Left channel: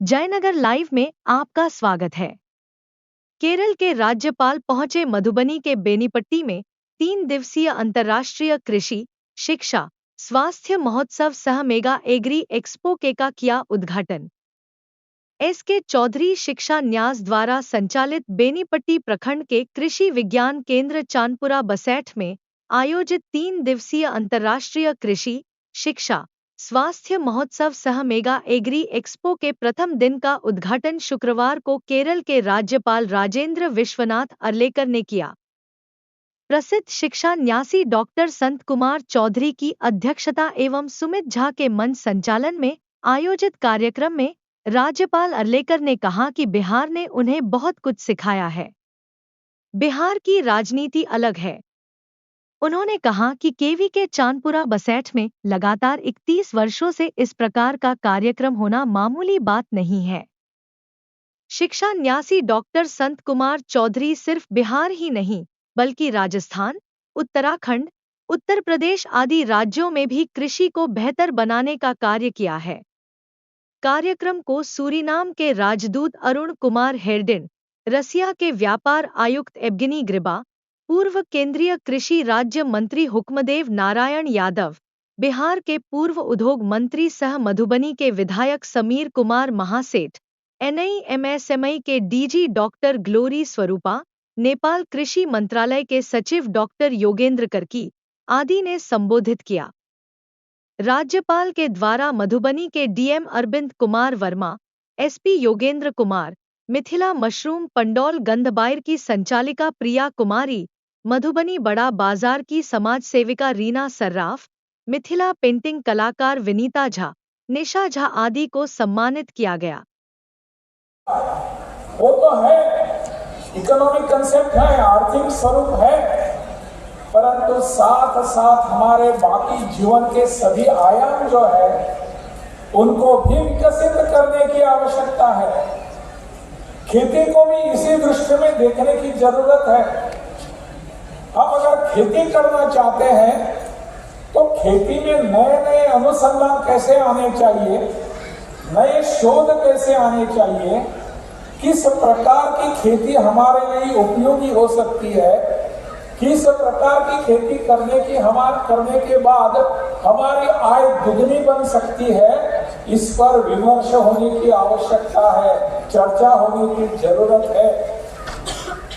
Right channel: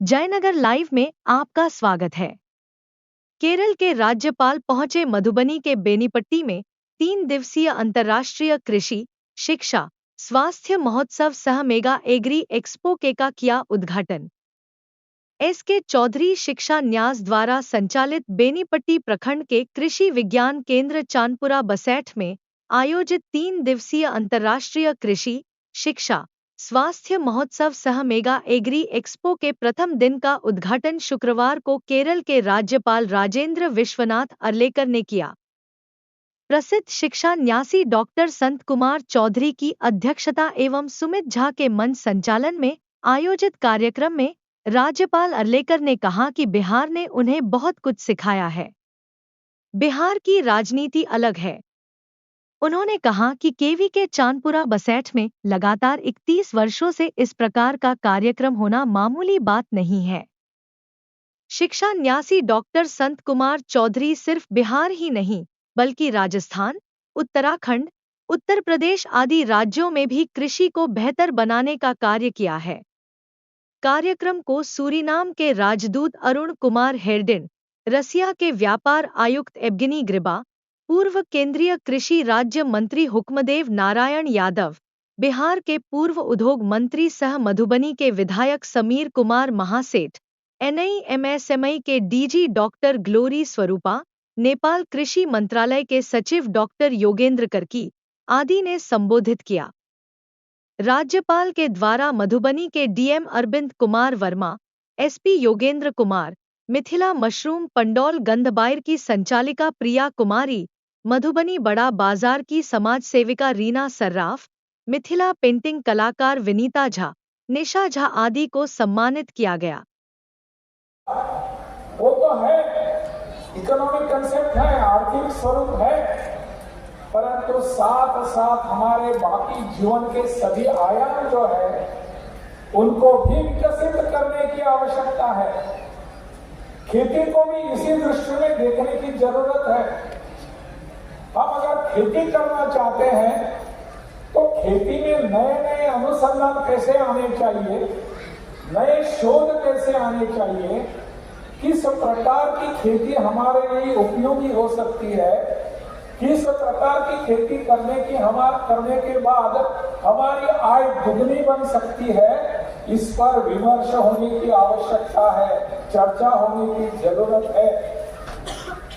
Jaynagar live में आपका स्वागत है। केरल के राज्यपाल पहुंचे मधुबनी के बेनीपट्टी में 3 दिवसीय अंतर्राष्ट्रीय कृषि, शिक्षा, स्वास्थ्य महोत्सव सह मेगा एग्री एक्सपो के का किया उद्घाटन। एस.के. चौधरी शिक्षा न्यास द्वारा संचालित बेनीपट्टी प्रखंड के कृषि विज्ञान केंद्र चांदपुरा बसैठ में आयोजित 3 दिवसीय अंतर्राष्ट्रीय कृषि, शिक्षा, स्वास्थ्य महोत्सव सह मेगा एग्री एक्सपो के प्रथम दिन का उद्घाटन शुक्रवार को केरल के राज्यपाल राजेंद्र विश्वनाथ अर्लेकर ने किया। प्रसिद्ध शिक्षा न्यासी डॉक्टर संत कुमार चौधरी की अध्यक्षता एवं सुमित झा के मंच संचालन में आयोजित कार्यक्रम में राज्यपाल अर्लेकर ने कहा कि बिहार ने उन्हें बहुत कुछ सिखाया है। बिहार की राजनीति अलग है। उन्होंने कहा कि केवी के चांदपुरा बसैठ में लगातार 31 वर्षों से इस प्रकार का कार्यक्रम होना मामूली बात नहीं है। शिक्षा न्यासी डॉक्टर संत कुमार चौधरी सिर्फ बिहार ही नहीं बल्कि राजस्थान, उत्तराखंड, उत्तर प्रदेश आदि राज्यों में भी कृषि को बेहतर बनाने का कार्य किया है। कार्यक्रम को सूरीनाम के राजदूत अरुण कुमार हेरडिन, रसिया के व्यापार आयुक्त एब्गिनी ग्रिबा, पूर्व केंद्रीय कृषि राज्य मंत्री हुक्मदेव नारायण यादव, बिहार के पूर्व उद्योग मंत्री सह मधुबनी के विधायक समीर कुमार महासेठ, एनआईएमएसएमई के डीजी डॉक्टर ग्लोरी स्वरूपा, नेपाल कृषि मंत्रालय के सचिव डॉक्टर योगेंद्र कर्की आदि ने संबोधित किया। राज्यपाल के द्वारा मधुबनी के DM Arvind Kumar Verma, SP Yogendra Kumar, Mithila mushroom Pandaul Gandhabair की संचालिका प्रिया कुमारी, मधुबनी बड़ा बाजार की समाज सेविका रीना सर्राफ, मिथिला पेंटिंग कलाकार विनीता झा, निशा झा आदि को सम्मानित किया गया। वो तो है, इकोनॉमिक कंसेप्ट है, आर्थिक स्वरूप है, परंतु साथ साथ हमारे बाकी जीवन के सभी आयाम जो है उनको भी विकसित करने की आवश्यकता है। खेती को भी इसी दृष्टि में देखने की जरूरत है। हम अगर खेती करना चाहते हैं तो खेती में नए नए अनुसंधान कैसे आने चाहिए, नए शोध कैसे आने चाहिए, किस प्रकार की खेती हमारे लिए उपयोगी हो सकती है, किस प्रकार की खेती करने के बाद हमारी आय दुगनी बन सकती है, इस पर विमर्श होने की आवश्यकता है, चर्चा होने की जरूरत है।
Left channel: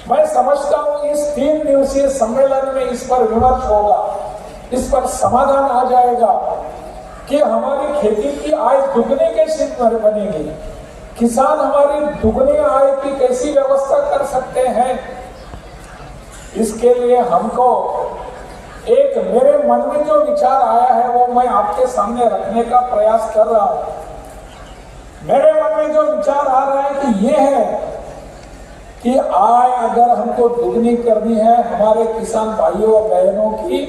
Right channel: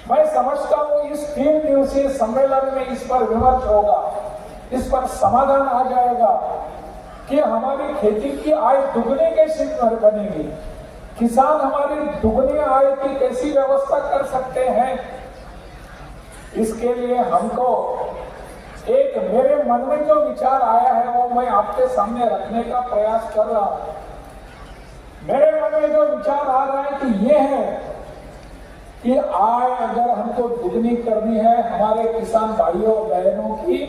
मैं समझता हूं इस 3 दिवसीय सम्मेलन में इस पर विमर्श होगा, इस पर समाधान आ जाएगा कि हमारी खेती की आय दुगनी कैसे बनेगी, किसान हमारी दुगनी आय की कैसी व्यवस्था कर सकते हैं। इसके लिए हमको एक मेरे मन में जो विचार आया है वो मैं आपके सामने रखने का प्रयास कर रहा हूं। मेरे मन में जो विचार आ रहा है कि ये है कि आय अगर हमको दुगनी करनी है हमारे किसान भाइयों बहनों की,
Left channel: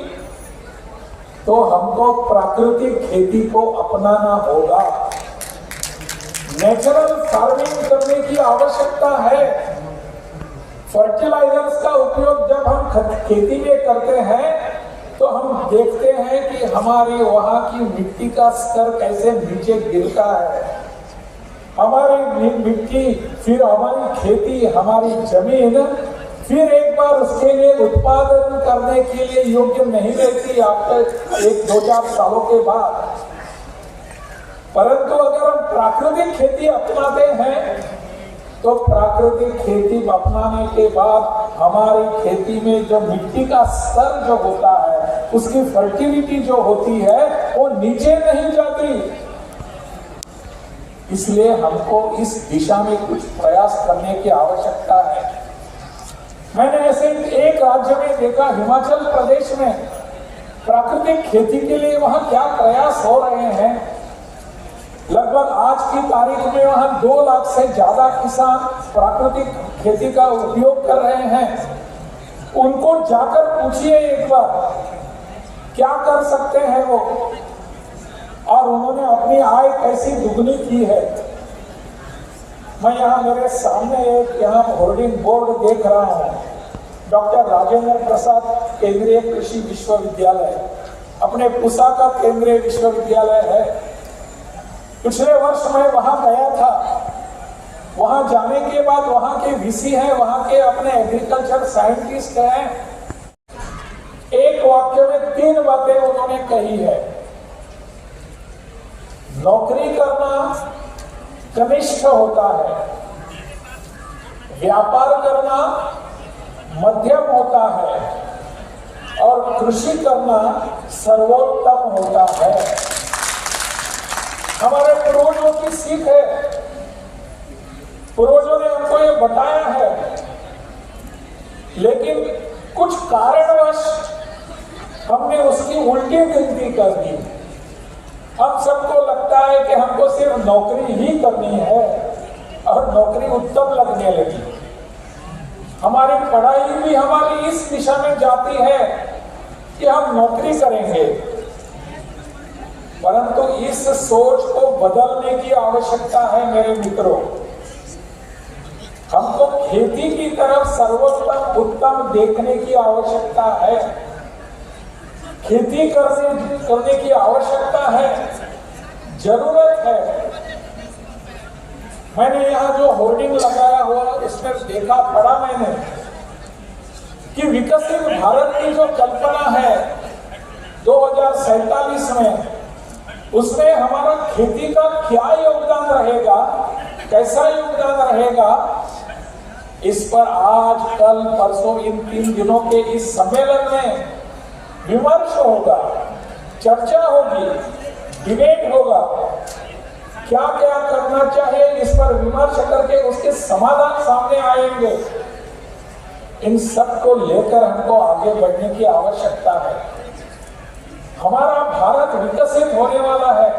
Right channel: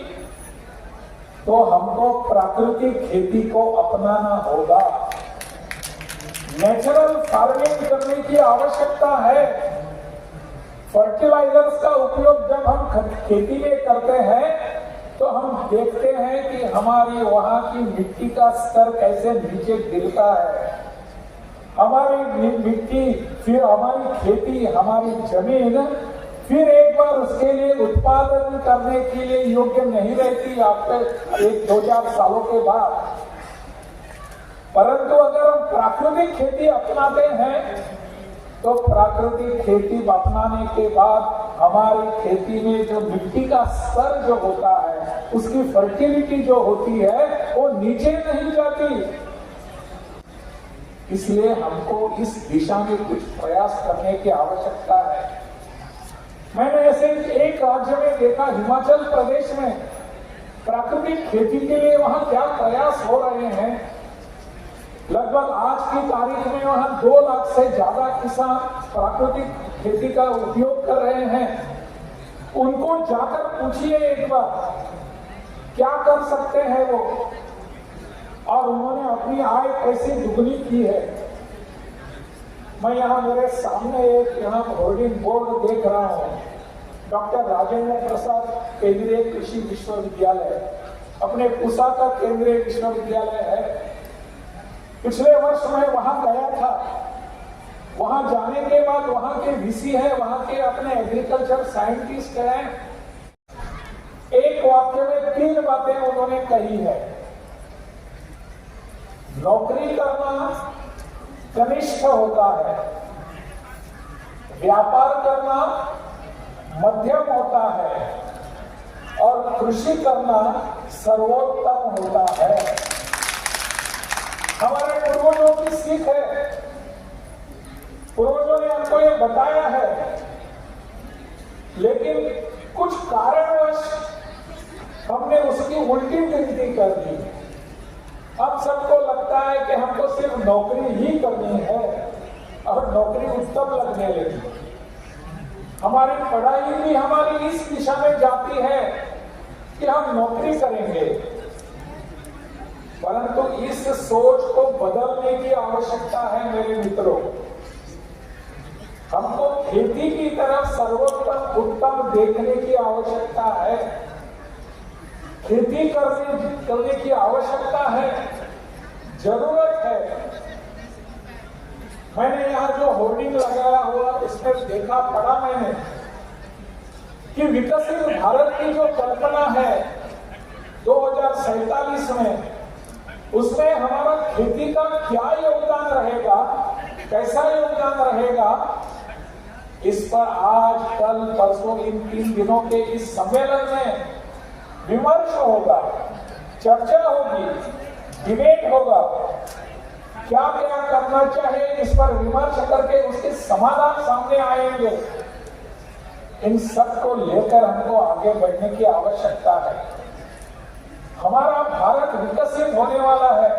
तो हमको प्राकृतिक खेती को अपनाना होगा। नेचुरल फार्मिंग करने की आवश्यकता है। फर्टिलाइजर्स का उपयोग जब हम खेती में करते हैं तो हम देखते हैं कि हमारी वहां की मिट्टी का स्तर कैसे नीचे गिरता है। हमारी मिट्टी, फिर हमारी खेती, हमारी जमीन फिर एक बार उसके लिए उत्पादन करने के लिए योग्य नहीं रहती आपके 1-2-4 सालों के बाद। परंतु अगर हम प्राकृतिक खेती अपनाते हैं तो प्राकृतिक खेती अपनाने के बाद हमारे खेती में जो मिट्टी का स्तर जो होता है, उसकी फर्टिलिटी जो होती है वो नीचे नहीं जाती। इसलिए हमको इस दिशा में कुछ प्रयास करने की आवश्यकता है। मैंने ऐसे एक राज्य में देखा, हिमाचल प्रदेश में प्राकृतिक खेती के लिए वहां क्या प्रयास हो रहे हैं। लगभग आज की तारीख में वहां 2 लाख से ज्यादा किसान प्राकृतिक खेती का उपयोग कर रहे हैं। उनको जाकर पूछिए एक बार क्या कर सकते हैं वो, और उन्होंने अपनी आय कैसी दुगनी की है। मैं यहाँ मेरे सामने एक यहाँ होर्डिंग बोर्ड देख रहा हूँ, डॉक्टर राजेंद्र प्रसाद केंद्रीय कृषि विश्वविद्यालय, अपने पूसा का केंद्रीय विश्वविद्यालय है। पिछले वर्ष मैं वहां गया था, वहां जाने के बाद वहां के वीसी हैं, वहां के अपने एग्रीकल्चर साइंटिस्ट हैं, एक वाक्य में 3 बातें उन्होंने कही है। नौकरी करना कनिष्ठ होता है, व्यापार करना मध्यम होता है और कृषि करना सर्वोत्तम होता है। हमारे पूर्वजों की सीख है, पूर्वजों ने हमको ये बताया है, लेकिन कुछ कारणवश हमने उसकी उल्टी गिनती कर दी। हम सबको लगता है कि हमको सिर्फ नौकरी ही करनी है और नौकरी उत्तम लगने लगी। हमारी पढ़ाई भी हमारी इस दिशा में जाती है कि हम नौकरी करेंगे, परंतु इस सोच को बदलने की आवश्यकता है मेरे मित्रों। हमको खेती की तरफ सर्वोत्तम उत्तम देखने की आवश्यकता है, खेती करने की आवश्यकता है, जरूरत है। मैंने यहाँ जो होर्डिंग लगाया हुआ इसमें देखा पढ़ा मैंने कि विकसित भारत की जो कल्पना है 2047 में, उसमें हमारा खेती का क्या योगदान रहेगा, कैसा योगदान रहेगा, इस पर आज कल परसों इन 3 दिनों के इस सम्मेलन में विमर्श होगा, चर्चा होगी, डिबेट होगा। क्या क्या करना चाहिए इस पर विमर्श करके उसके समाधान सामने आएंगे। इन सब को लेकर हमको आगे बढ़ने की आवश्यकता है। हमारा भारत विकसित होने वाला है।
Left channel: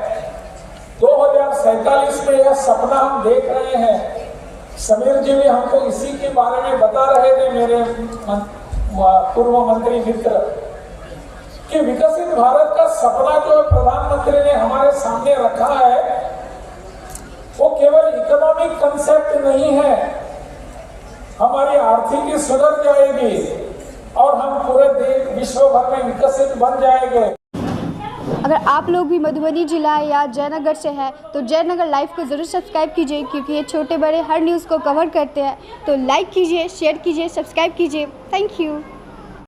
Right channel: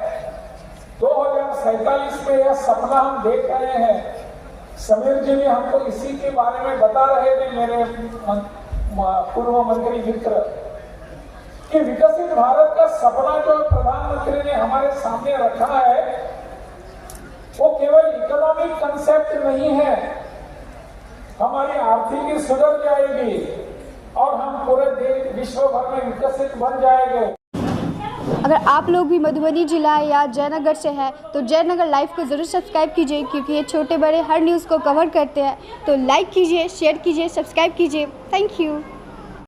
2047 में यह सपना हम देख रहे हैं। समीर जी भी हमको इसी के बारे में बता रहे थे, मेरे पूर्व मंत्री मित्र, कि विकसित भारत का सपना जो प्रधानमंत्री ने हमारे सामने रखा है वो केवल इकोनॉमिक कंसेप्ट नहीं है। हमारी आर्थिकी सुधर जाएगी और हम पूरे देश विश्व भर में विकसित बन जाएंगे। अगर आप लोग भी मधुबनी जिला या जयनगर से हैं तो जयनगर लाइव को ज़रूर सब्सक्राइब कीजिए, क्योंकि ये छोटे बड़े हर न्यूज़ को कवर करते हैं। तो लाइक कीजिए, शेयर कीजिए, सब्सक्राइब कीजिए। Thank you.